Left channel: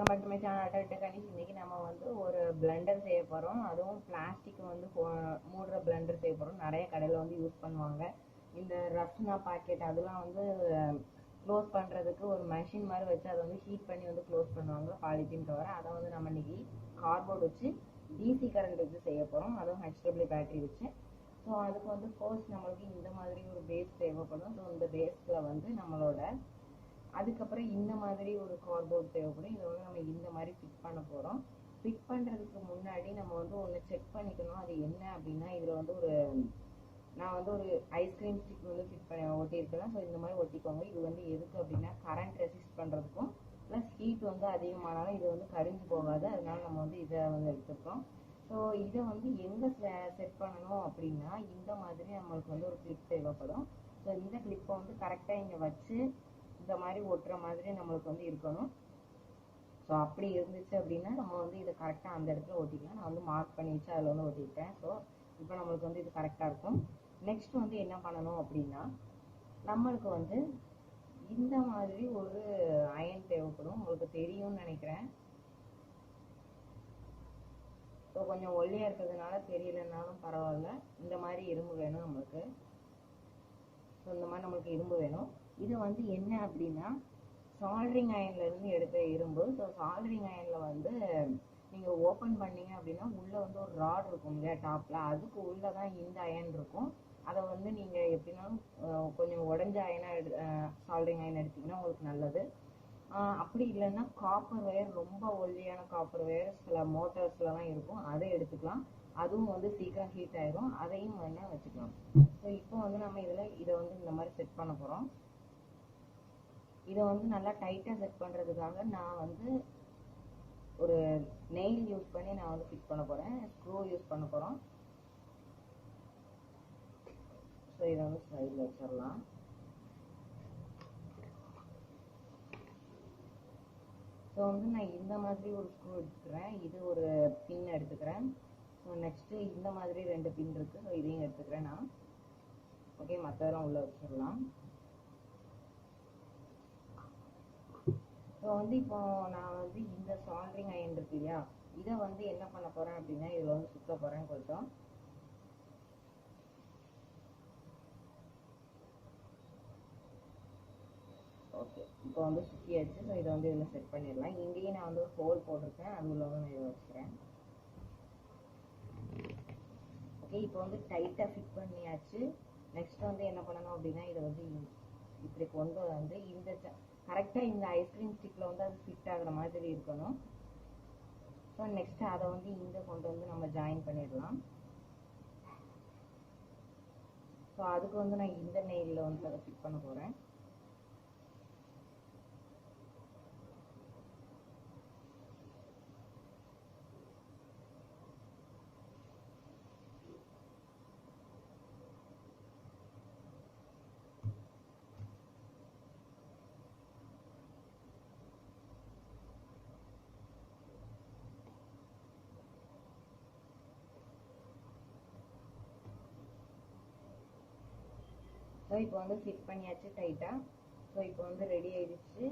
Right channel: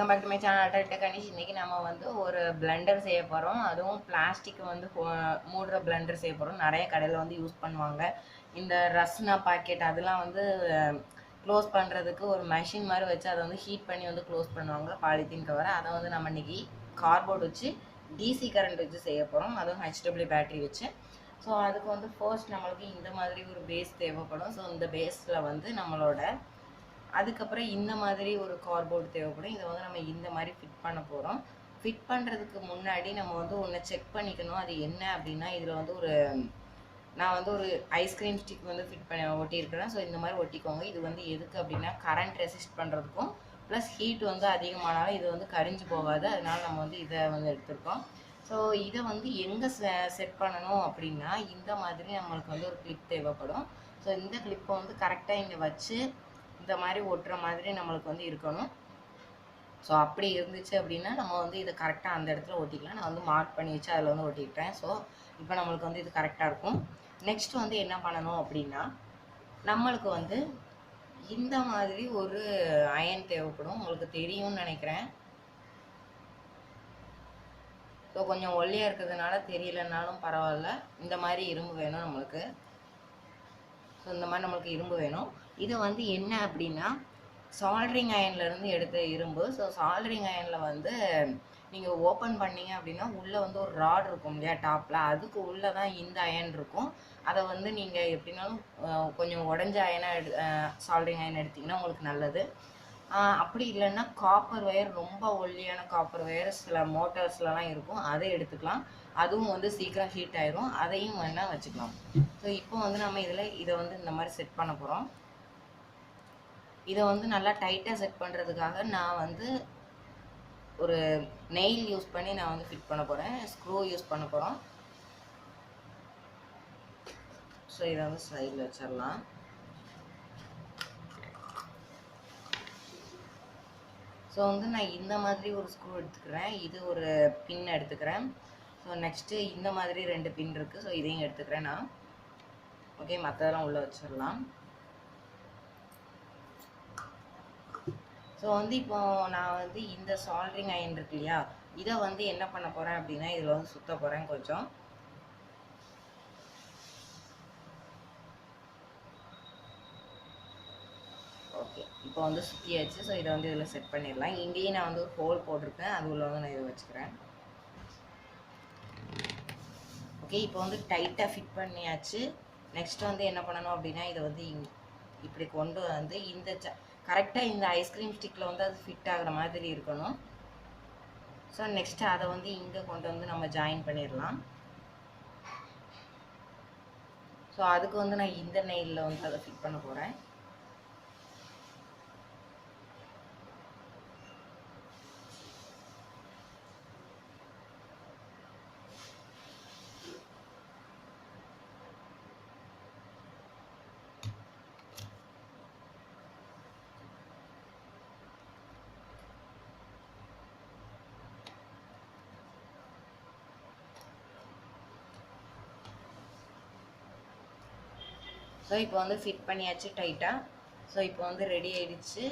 Welcome back to my channel அட்டா கணிஷ். இன்றைக்கி நம்ம வந்து ஒரு பிளெண்டர் செய்ய போகிறோம். அதுவும் பிளாஸ்டிக் வந்து மூடுற பிளெண்டர் செய்ய போகிறோம். நிறைய கடையில் வந்து யூஸ் பண்ணுவாங்க. இந்த ரஸ்னா பாக்கெட் அதெல்லாம் வந்து க்ளோஸ் பண்ணுறதுக்கு ஒரு மெஷின் மாதிரி வச்சு அதை வந்து ஹீட் பண்ணி வந்து க்ளோஸ் பண்ணுவாங்க, பாலித்தீன் கவரை. அதை வந்து நம்ம இன்றைக்கி கார்போர்ட் வச்சு டிசி கரண்ட் வச்சு செய்ய போகிறோம், அதுவும் ஹெச்டபிள்யூ பேட்டரி வச்சு. ஸோ அதுக்கு வந்து ஃபர்ஸ்ட் நம்மளுக்கு இந்த மாதிரி ஒரு பேஸ் தேவைப்படும். ஸோ இந்த பேஸில் வந்து நம்மளோட அதுக்கப்புறம் இந்த மாதிரி ஒரு கார்போர்டு தேவைப்படும். இதை வந்து நம்ம இந்த மாதிரி ஃபிட் பண்ண போகிறோம். ஃபிட் பண்ணுறதுக்கு முன்னாடி நம்ம வந்து ஒன்று செக் பண்ணிக்கணும். அது என்ன அப்படின்னா, இதில் வந்து நான் வந்து ஒரு ஐஸ்கிரீம் ஸ்டிக் வந்து ஃபிட் பண்ணி ஒட்டியிருக்கிறேன். ஸோ இந்த மாதிரி ஒட்டிக்கோங்க. இது வந்து எதுக்கு அப்படின்னா, கரண்ட் ரெசிஸ்ட் பண்ணுறதுக்கும் ப்ளஸ் ஹீட் வந்து அதிகமானாலும் இது வந்து கரிஞ்சு போகாது. அதனால நம்ம வந்து இதை வந்து எடுத்திருக்கோம். ஸோ இதை வந்து எங்கே செட் பண்ணணும் அப்படின்னா, இந்த மாதிரி நம்மளுக்கு வந்து ஒரு கிளிப் தேவைப்படும். ஸோ இந்த கிளிப்பை வந்து கரெக்டாக இங்கே வச்சு இந்த மாதிரி ஒட்டுற மாதிரி நம்மளுக்கு வந்து இருக்கணும். ஸோ அப்படி இருந்துச்சு அப்படின்னா நம்ம வந்து இதை கரெக்டாக அந்த இடத்துல ஒட்டிக்கலாம். நான் வந்து மார்க் பண்ணி வச்சு அதில் வந்து ஒட்டிக்கிட்டேன். ஸோ இப்போ நம்மளுக்கு வந்து இது கரெக்டாக இருக்கும். நெக்ஸ்ட் வந்து என்ன பண்ணணும் அப்படின்னா, நம்மளுக்கு வந்து இந்த மாதிரி ஒரு அயன் தேவைப்படும். உங்களுக்கு தெரியும்னு நினைக்கிறேன். ஸோ கொஞ்சம் ஒல்லியாக இருக்கிறதுனால தெரியலனாலும் பரவாயில்ல, இந்த மாதிரி இரும்பு வேணும் நம்மளுக்கு. ஸோ இந்த மாதிரி நம்மளுக்கு இரும்பு வேணும். இது வந்து என்ன அப்படின்னா, சால்ட்ரிங் அயன்லேருந்து எடுத்த இரும்பு. ஸோ சால்ட்ரிங் அயனில் வந்து நீங்கள் ஓப்பன் பண்ணிங்க அப்படின்னா உள்ளே வந்து ஒரு ராட் இருக்கும் இல்லையா டாப்பில், அதுக்கு உள்ளே தான் இந்த அயன் இருக்கும். அதை வந்து நீங்கள் எப்படின்னாலும் கொஞ்சம் உடஞ்ச அயனாக சால்ட்ரிங் அயன் எடுத்திங்கன்னா உங்களுக்கு நல்லது. அப்படி இல்லைன்னா காப்பர் ஒயர், ரொம்ப ஒல்லியான காப்பர் ஒயர் சில மோட்டார்ஸ்லலாம் இருக்கும், அதை எடுத்துக்கலாம். அதுவும் வந்து சீக்கிரம் ஹீட் ஆயிரும், அதையும் வேணால் வச்சுக்கலாம். ஸோ இப்போ வந்து நம்ம இதை வந்து இந்த மாதிரி செட் பண்ண போகிறோம். இதை வந்து நல்லா டைட்டாக செட் பண்ணுறதுக்காக நான் வந்து ஒரு நெயில் யூஸ் பண்ணி நான் வந்து ஃபிட் பண்ண போகிறேன். ஸ்க்ரூ யூஸ் பண்ண போகிறோம். ஸோ இதை வந்து சைடில் வச்சிடலாம். ஸோ வந்து நான் இந்த மாதிரி ஒரு ஸ்க்ரூ எடுத்துக்கிறேன். இது ஒரு பின் எடுத்துக்கிறேன். ஸோ நெக்ஸ்ட்டு இந்த மாதிரி 2 பின் இருக்குது. ஸோ இதையும் எடுத்துக்கிறேன் நான். ஓகே, மற்றதெல்லாம் உள்ளே வச்சிடலாம். ஸோ வந்து இப்போ நான் வந்து இந்த சால்ட்ரிங் அயன் இருக்கு இல்லையா, இதை வந்து என்ன பண்ண போகிறேன் அப்படின்னா, இதில் வந்து சுற்ற போகிறேன் கொஞ்சம். ஓகே, இப்போ வந்து சுற்றியாச்சு. ஸோ இதை வந்து இதில் செட் பண்ணிடலாம். இங்கேயும் நான் வந்து ஒரு ஹோல் போட்டிருக்கேன், அது உள்ள வந்து நான் இதை வச்சுக்கிறேன். ஓகே, இப்போ வந்து டைட்டாக ஃபிட் பண்ணியாச்சு. நெக்ஸ்ட் வந்து என்ன பண்ணணும் அப்படின்னா, இதை வந்து இப்படி கொண்டு வந்து இந்த கரெக்டாக இந்த ஐஸ்கிரீம் ஸ்டிக்கில் வந்து அது ஃபிட் ஆகிற மாதிரி இருக்கணும். ஸோ நெக்ஸ்ட்டு அதை வந்து இங்கே கொண்டு வந்து நம்ம ஜாயின் பண்ணிடலாம். ஸோ அதுக்கு வந்து நான் இந்த நெயிலில் வந்து அதை ஃபிட் பண்ண போகிறேன். ஸோ இப்போ வந்து ஃபிட் பண்ணியாச்சு டைட்டாக. ஸோ இப்போ வந்து ரெடி ஆகிடுச்சு.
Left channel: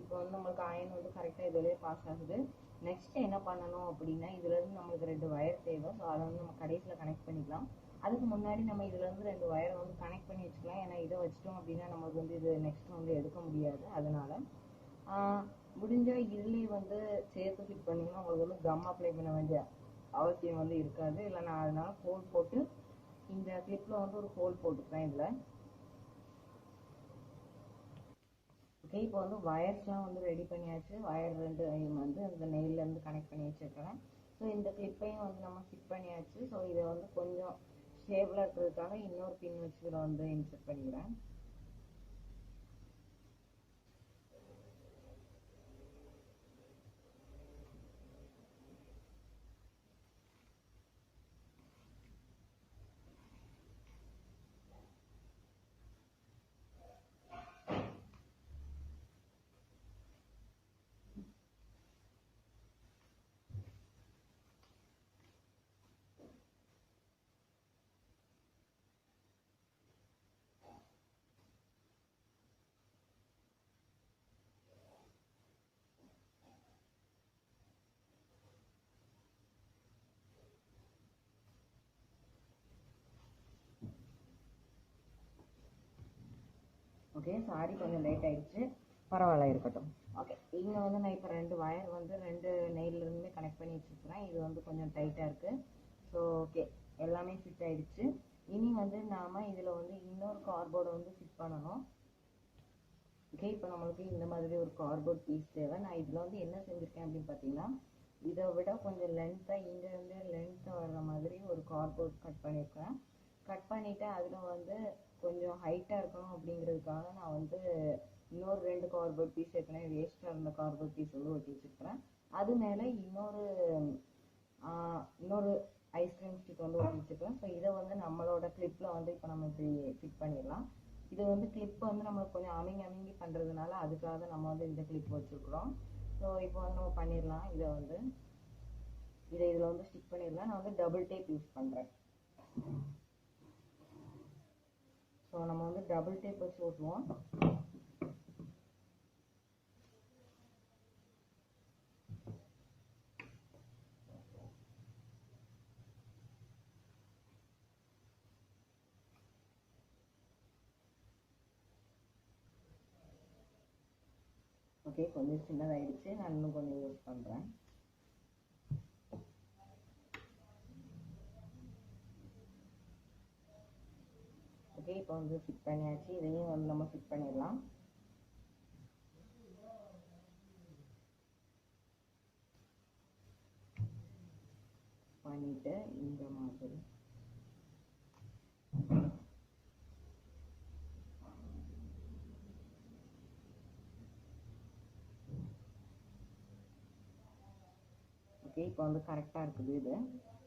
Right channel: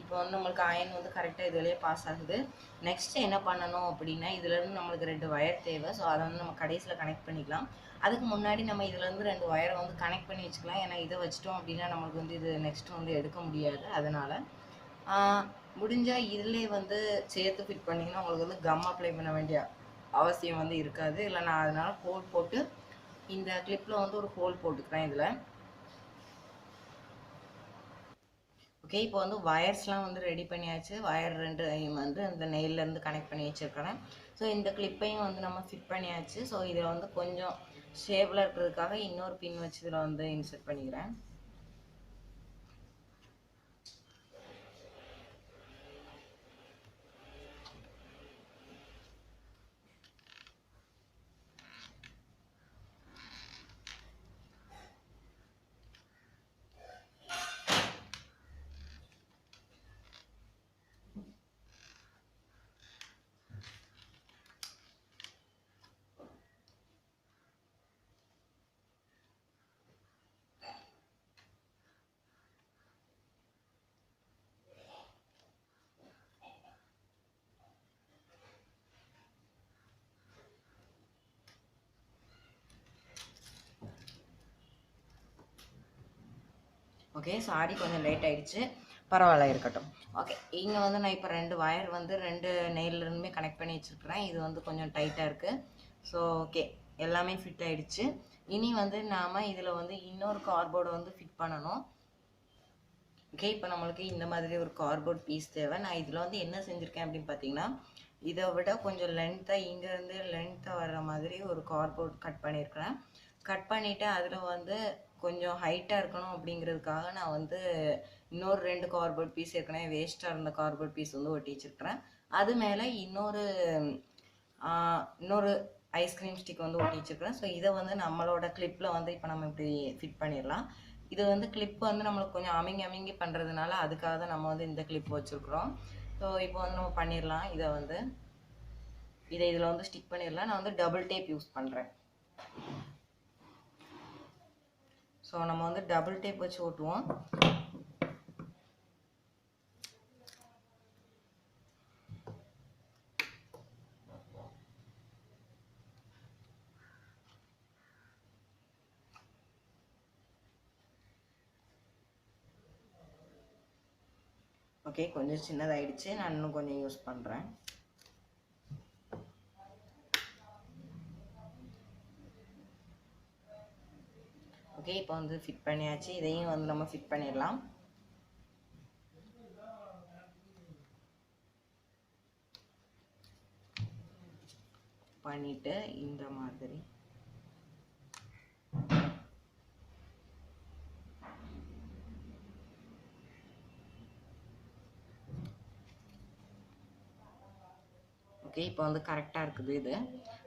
இப்போ வந்து நம்மளுக்கு அயன் வந்து கரெக்டாக இதுலேயே பாஸ் ஆகுது. நெக்ஸ்ட்டு என்ன பண்ணணும் அப்படின்னா, இதுலேருந்து நம்மளுக்கு 2 ஒயர் தேவை. ஸோ அதை வந்து நம்ம கடைசியில் கனெக்ட் பண்ணிக்கலாம். அதுக்கு முன்னாடி நம்ம இதுலேருந்து 2 ஒயரை வந்து கனெக்ட் பண்ணி வச்சுக்கலாம். ஏன்னா இதை வச்சிட்டோம் அப்படின்னா நம்மளுக்கு வந்து இது நெக்ஸ்ட்டு வந்து எடுக்க முடியாது. அதனால் முடிஞ்சால் இதிலே வந்து சேர்த்து ஃபிட் பண்ணிங்கன்னா உங்களுக்கு வந்து கம் அப்ளை பண்ண வேண்டிய அவசியம் வந்து இருக்காது. இல்லை நான் அதனால் ஹோல் போட்டு இந்த கிளிப்பில் வந்து ஒரு ஹோல் போட்டுக்கிறேன் இதில். ஓகே, இப்போ வந்து வயர்ஸ்லாம் வந்து ரெடி பண்ணியாச்சு. வயர் 2 வந்து இந்த நெயிலேருந்து கனெக்ட் பண்ணி வச்சுருக்கிறேன். ஸோ இந்த கிளிப்பையும் வந்து நம்ம ஃபிட் பண்ணியாச்சு. ஸோ இதில் வந்து கொஞ்சம் ஷேப்பில் இருக்கிறதுக்காக இன்னொரு பின் வச்சு இதில் வந்து இன்சர்ட் பண்ணிக்கிறேன். ஓகே, சாரி கொஞ்சம் லேட் ஆகிடுச்சு, பரவாயில்ல இருக்கட்டும். ஓகே, இங்கே வந்து நான் இப்போ 2 வயர் வந்து 2 நெயிலிருந்துமே கனெக்ட் பண்ணி வச்சுருக்கிறேன். இது வந்து கொஞ்சம் டைட்டாக இருக்குது. ஸோ ஓகே, எல்லாமே ஃபிட் ஆகிடுச்சு. இனி வந்து நாம் இதில் வந்து இன்னொரு கார்ட்போர்டை வந்து ஃபிட் பண்ணணும். ஓகே, இப்போ நம்மளுக்கு இந்த மாதிரி ஒரு கார்ட்போர்ட் பீஸ் தேவை. நான் இதில் வந்து என்ன செஞ்சுருக்கேன் அப்படின்னு பார்த்தீங்கன்னா, இதை விட கொஞ்சம் லென்த்தாக இங்கேருந்து லென்த்தாக வர்ற மாதிரி ஒரு கார்ட்போர்ட் கட் பண்ணியிருக்கிறேன். கட் பண்ணிவிட்டு அதில் வந்து கொஞ்சம் ஹைட்டாக இருக்கணும் அப்படிங்கிறதுக்காக நான் வந்து இன்னொரு 2 கார்ட்போர்ட் பீஸ் ஏற்கனவே வேஸ்ட்டாக இருந்த கார்ட்போர்ட் பீஸ் வந்து ஒட்டி வச்சுருக்கிறேன். அது மேலே இன்னொரு ஐஸ்கிரீம் ஸ்டிக் வந்து ஒட்டி வச்சுருக்கிறேன். ஸோ இதை வந்து நம்மளோட கிளிப்பில் வந்து இப்போ நம்ம இப்படி ஃபிட் பண்ணிடலாம். இது வந்து கிளிப் வந்து நம்மளுக்கு கொஞ்சம் அமுங்கி பண்ணுறதுனால அதுக்காக தான் நம்ம வந்து இந்த கிளிப் வச்சுருக்குறோம். ஸோ இப்போ வந்து நம்ம பண்ணிடலாம். இதில் வந்து ஸ்டிக் பண்ணிடலாம். நான் வந்து டபுள் டேப் யூஸ் பண்ணுறேன். ஸோ நம்ம வந்து டபுள் டேப் வச்சு ஓட்டுவோம். ஓகே, கொஞ்சம் சின்னதாகிடுச்சு. நான் இன்னும் கொஞ்சம் யூஸ் பண்ணுறேன். ஓகே, இப்போ வந்து ஃபிட் பண்ணியாச்சு. இதையும் வந்து நம்ம ஃபிட் பண்ணிடலாம். பண்ணிட்டு இந்த மாதிரி ஓகே, இப்போ வந்து கரெக்டாக இருக்குது. இது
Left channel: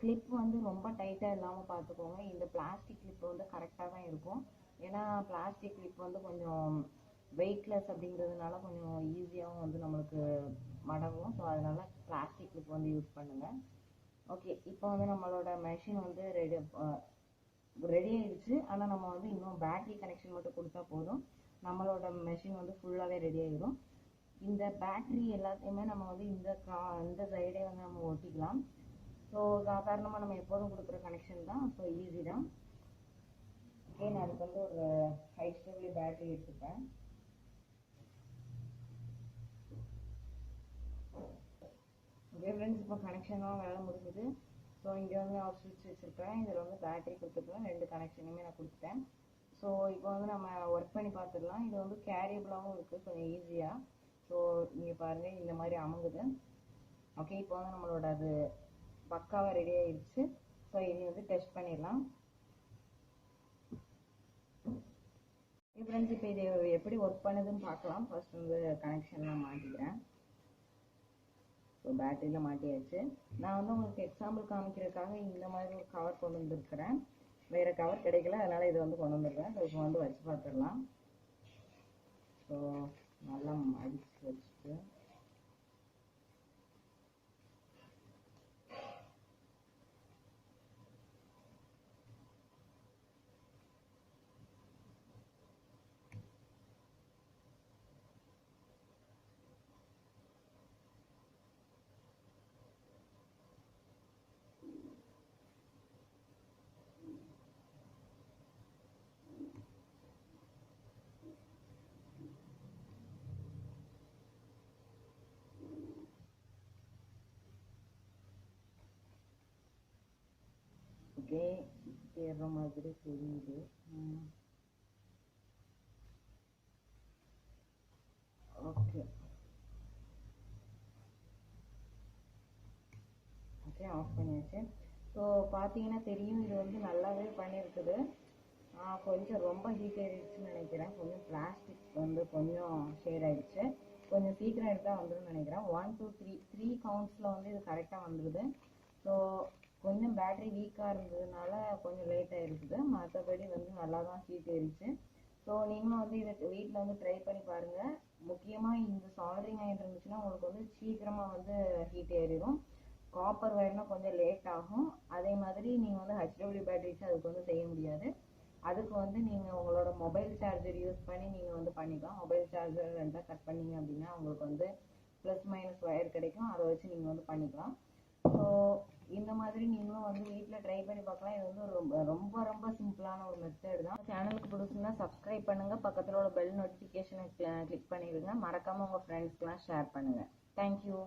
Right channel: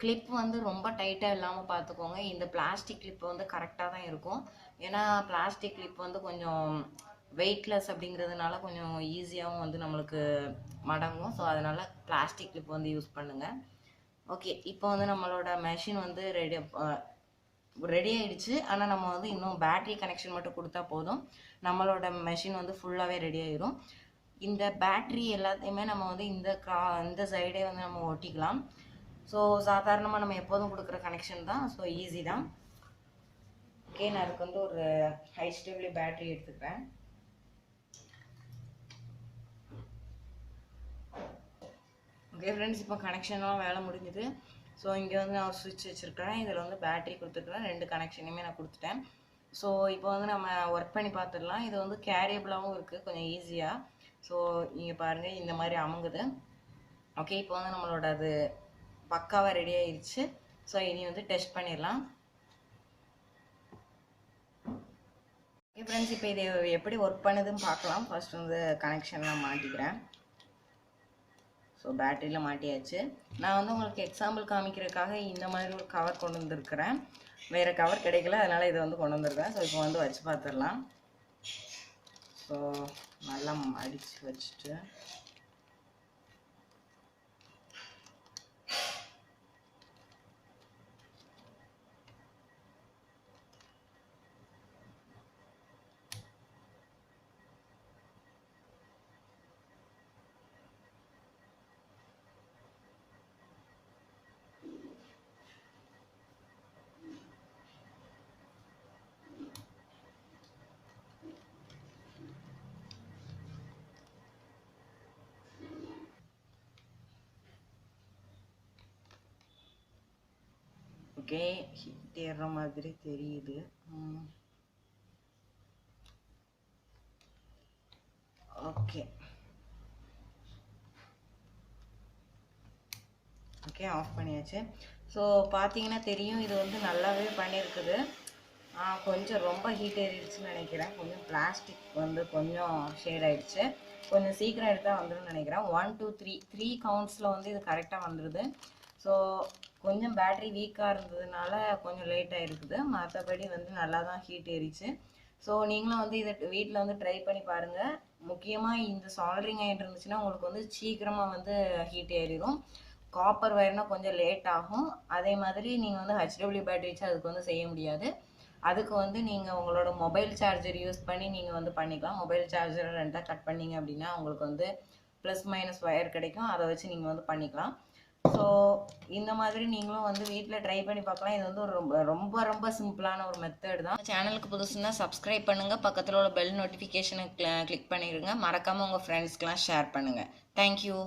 கிளிப் வந்து ரொம்ப டைட்டாக இல்லாமல் பார்த்துக்கோங்க. இந்த பிளாஸ்டிக் கிளிப் வந்து கரெக்டாக தான் இருக்கும். ஏன்னா பிளாஸ்டிக் கிளிப் வந்து கொஞ்சம் வெயிட்லெஸ் அப்படிங்கிறதுனால கொஞ்சம் ஈஸியாகவும் வந்து நம்மளுக்கு மடங்கும். ஸோ அதனால் பிளாஸ்டிக் கிளிப் வந்து யூஸ் பண்ணுங்கள். ஓகே, இப்போ வந்து நம்மளோட மெஷின் வந்து ரெடி ஆகிடுச்சு. ஆனால் நம்ம வந்து இன்னும் பேட்ரி கனெக்ஷன் மட்டும் கொடுத்தா போதும், நம்மளோட மெஷின் வந்து ஃபுல்லாகவே ரெடி ஆகிடும். இந்த பேட்ரி எல்லாத்தையுமே நம்ம வந்து இந்த சைடே வந்து நம்ம ஒட்டிக்கலாம். ஸோ சாதாரணமாக நம்ம எப்போதும் கொடுக்குற கனெக்ஷன் தான். ஸோ ஈஸி தான். ஓகே, நான் அதுக்கு வந்து ஒரு HW பேட்ரி எடுத்துக்கிறேன். ஓகே ஃப்ரெண்ட்ஸ், இப்போ கனெக்ஷன்லாம் வேலை முடிஞ்சுது. ஸோ இங்கே வந்து நான் ஒரு சுவிட்ச் வச்சுருக்கிறேன். இதில் வந்து பேட்ரி கொடுத்துருக்குறேன். 2 கனெக்ஷனையுமே நான் கொடுத்துட்டேன். ஸோ இப்போ வந்து நம்ம ஒர்க் பண்ணி பார்த்துடலாம். இது வந்து கேரியபிளாகவும் இருக்குது, கொஞ்சம் ஈஸியாக. ஸோ இங்கே பாருங்கள், இந்த மாதிரி அமுங்குது. ஓகே, இப்போ வந்து நம்மளோட அது பக்காவாக ரெடி ஆயிடுச்சு. ஸோ இனி வந்து டெஸ்ட் பண்ணிடலாம். ஓகே ஃப்ரெண்ட்ஸ், இப்போ இது எப்படி ஒர்க் பண்ணுதுன்னு பார்க்கலாம். ஃபர்ஸ்ட் வந்து கனெக்ஷன்லாம் மாட்டிக்கிறேன். ஸோ பேட்டரியில் மாட்டியாச்சு. நான் வந்து உங்களுக்கு எக்ஸாம்பிள் காமிக்கிறதுக்காக இந்த மாதிரி ஒரு கவர் கொண்டு வந்துருக்கிறேன். வேறு கவர் கிடைக்கல, அதனால் இதை வந்து கொண்டு வந்துருக்கேன். ஸோ இப்போ வந்து வச்சு பார்த்துடலாம். ஸோ நல்லா மடித்து வச்சுட்டு ஓகே, ஹிட் ஏறுற மாதிரி தெரியுது. ஓகே ஓகே, ஆஃப் பண்ணியாச்சு. ஸோ பார்த்தீங்கன்னா தெரியும், இது வந்து நல்லாவே பண்ணியிருக்குது. கொஞ்சம் ரொம்ப ஹீட் ஏறிடுச்சுன்னு நினைக்கிறேன். கொஞ்சம் பிளாஸ்டிக் வந்து கொஞ்சம் ஷேட் ஆகிடுச்சு. கொஞ்சம் சீக்கிரம் எடுத்தால் வந்துடும் நினைக்கிறேன். 1 2 3 கவுண்ட்ஸில் வந்து இது கரெக்டாக வந்துடுது. ஸோ கொஞ்சம் பேட்ரி வீக்காக இருந்ததுனால கொஞ்சம் லேட்டாக இருக்குது. மற்றபடி வந்து நல்லா தான் ஹீட் ஏறிச்சு. ஸோ நீங்களும் வந்து இதை வீட்டில் வந்து ட்ரை பண்ணி பாருங்கள். முக்கியமாக இந்த சால்ட்ரிங் ஆகிட்டு இருந்துச்சுன்னா உங்களுக்கு வந்து சீக்கிரமாக வந்து ஹீட் ஏறிடும். காப்பர் வயர்னால் கொஞ்சம் லேட் ஆகும். அதே மாதிரி நீங்கள் வந்து HW பேட்டரி வச்சு அதுக்கு வந்து செய்ய முடியாது. அதுக்கு வந்து நீங்கள் உங்களோட மொபைல் சார்ஜர் யூஸ் பண்ணி நீங்கள் வந்து பண்ணிக்கலாம். மொபைல் சார்ஜரை 2ஆக கட் பண்ணிங்க அப்படின்னா உங்களுக்கு வந்து ப்ளஸ் மைனஸ் ஒயர் கிடைக்கும். அதை வச்சு நீங்கள் வந்து பண்ணிக்கலாம். ஸோ இந்த மாதிரி நீங்களும் வந்து வீட்டில் ட்ரை பண்ணி பார்க்கலாம். இது வந்து ஒரு ரொம்ப ரொம்ப ரொம்ப சிம்பிளான ஒரு மெத்தட் தான். சேனலுக்கு புதுசுன்னா சப்ஸ்கிரைப் பண்ணுங்கள், பக்கத்தில் உள்ள பெல் நோட்டிஃபிகேஷனை கிளிக் பண்ணிடுங்க, மறக்காமல் உங்கள் ஃப்ரெண்ட்ஸ்க்கெலாம் ஷேர் பண்ணுங்கள். தேங்க்யூ.